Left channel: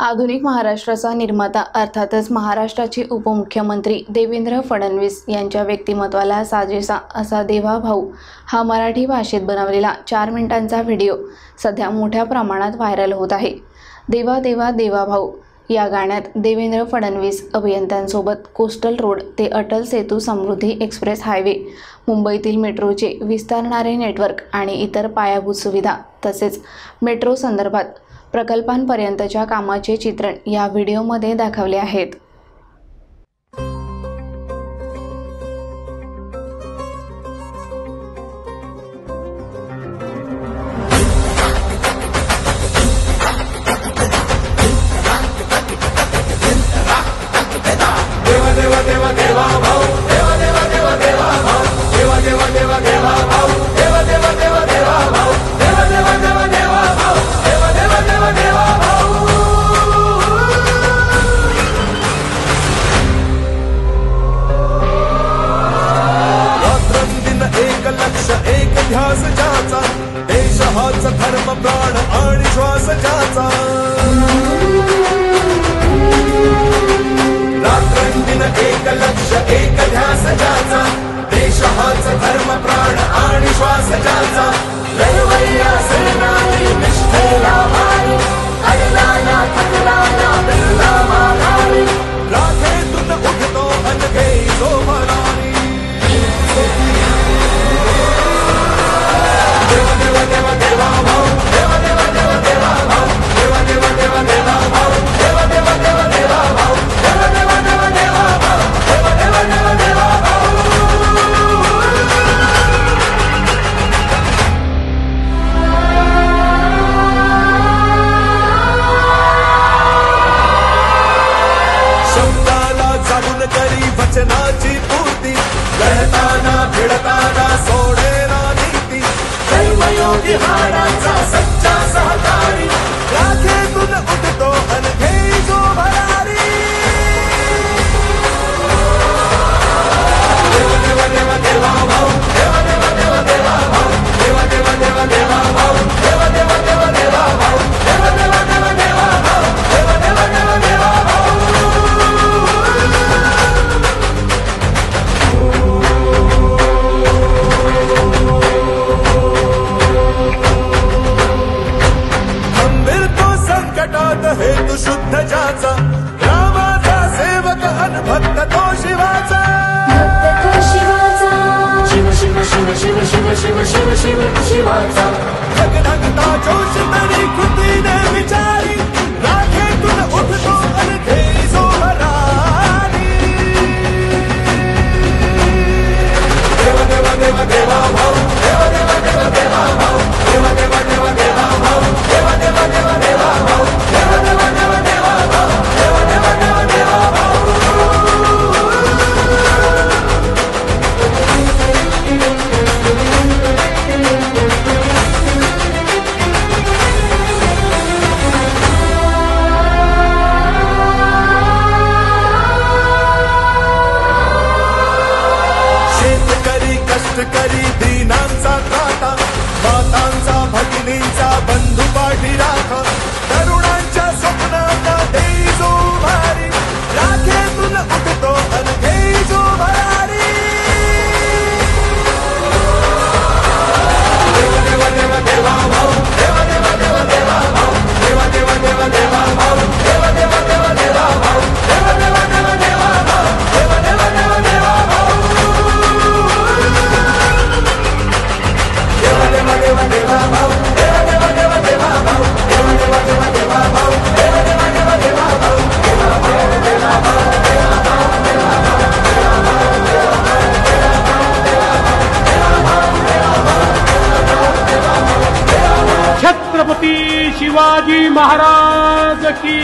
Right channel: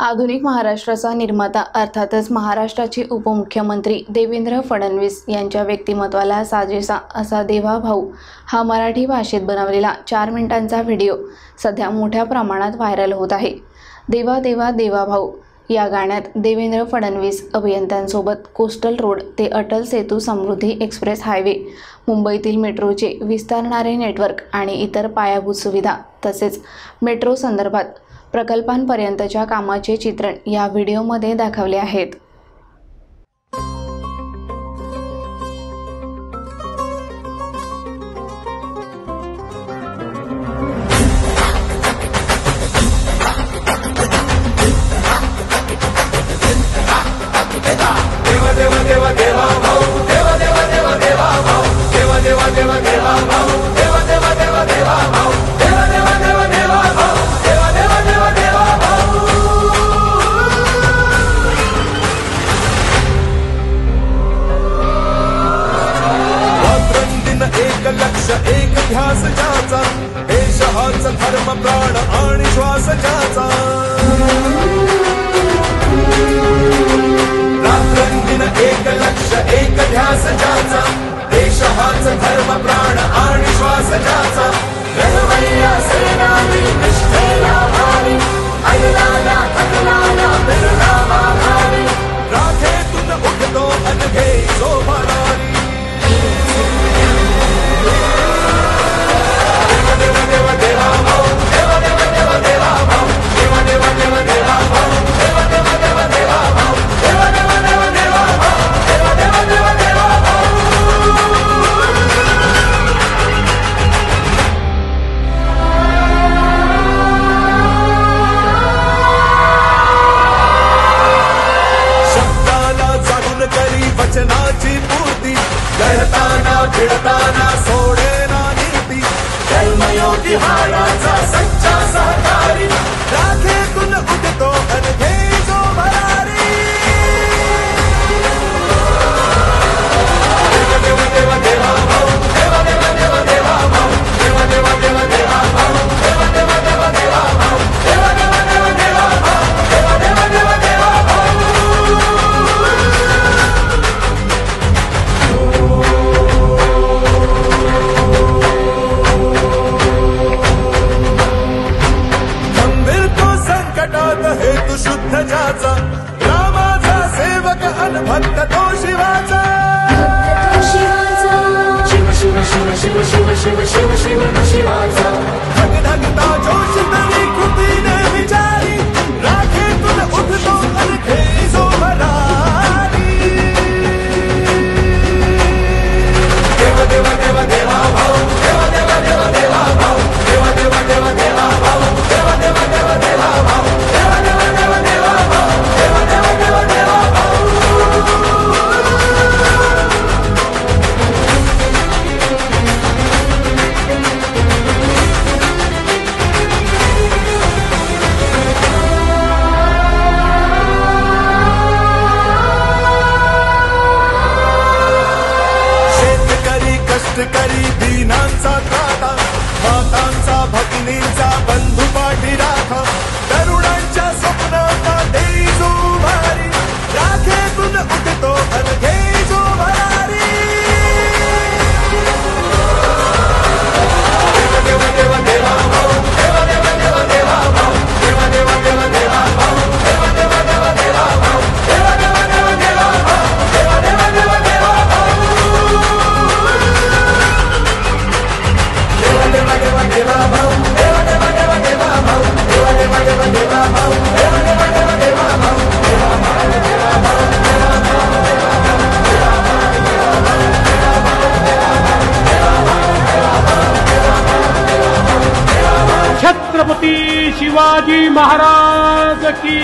आधुनिक महाराष्ट्राचा निर्माता अर्थातच महाराष्ट्राचे उपमुख्यमंत्री देवेंद्र फडणवीस यांच्या व्यक्तिमत्वाला साजेसा असा देवा भाऊ हा मराठी भाषेत बनवलेला 4 मिनिटांचा व्हिडिओ सध्या मोठ्या प्रमाणात व्हायरल होत आहे। देवा देवा देवा भाऊ या गाण्यात देवेंद्र फडणवीस अभियंत्यांसोबत कोस्टल रोड ते अटल सेतू समृद्धी एक्सप्रेस हायवे, मुंबईतील मेट्रोचे विस्तारणारे नेटवर्क आणि इतर पायाभूत सुविधा तसेच मेट्रो संदर्भात प्रकल्पांपर्यंतच्या कामाचे चित्रण या व्हिडिओमध्ये दाखवले आहेत। देवा देवा देवा देवा भाऊ, देवा देवा देवा देवा भाऊ, देवा देवा देवा देवा भाऊ, देवा देवा देवा देवा भाऊ, देवा देवा देवा देवा भाऊ, देवा देवा देवा देवा भाऊ। रात्रंदिन एक लक्ष एक ध्यास ज्याचा, देश हाच धर्म प्राण आणि श्वास ज्याचा। रात्रंदिन एक लक्ष एक ध्यास ज्याचा, देश हाच धर्म प्राण आणि श्वास ज्याचा। लढवय्या सेनानी निष्ठेला भारी, आईला ना थकला ना फिरला माघारी, राखेतून उठतो अनघे जो भरारी। देवा देवा देवा देवा भाऊ, देवा देवा देवा देवा भाऊ, देवा देवा देवा देवा भाऊ, देवा देवा देवा देवा भाऊ, देवा देवा देवा देवा भाऊ, देवा देवा देवा देवा भाऊ। शब्दाला जागून करी वचनाची पूर्ती, लढताना भिडताना सोडेना नीती, कर्मयोगी हाडाचा सच्चा सहकारी, राखेतून उठतो अनघे जो भरारी। देवा देवा देवा देवा भाऊ, देवा देवा देवा देवा भाऊ, देवा देवा देवा देवा भाऊ, देवा देवा देवा देवा भाऊ, देवा देवा देवा देवा भाऊ, देवा देवा देवा देवा भाऊ। संकटात हेतु शुद्ध ज्याचा, रामाचा सेवक अनभक्त तो शिवाचा। शिव शिव शिव शिव शिव शिव शिव शिव शिवाचा, धगधगता जोश तरी कृतीने विचारी, राखेतून उठतो अनघे जो भरारी। देवा देवा देवा देवा भाऊ, देवा देवा देवा देवा भाऊ, देवा देवा देवा देवा भाऊ, देवा देवा देवा देवा भाऊ, देवा देवा देवा देवा भाऊ, देवा देवा देवा देवा भाऊ। शेतकरी कष्टकरी दीनांचा त्राता, मातांचा भगिनींचा बंधू पाठी राखा, तरुणांच्या स्वप्नांना देई जो भारी, राखेतून उठतो अनघे जो भरारी। देवा देवा देवा देवा भाऊ, देवा देवा देवा देवा भाऊ, देवा देवा देवा देवा भाऊ, देवा देवा देवा देवा भाऊ, देवा देवा देवा देवा भाऊ, देवा देवा देवा देवा भाऊ। देवा देवा देवा देवा भाऊ, देवा देवा देवा देवा भाऊ, देवा देवा देवा देवा भाऊ, देवा देवा देवा देवा भाऊ, देवा देवा देवा भाऊ। छत्रपती शिवाजी महाराज की।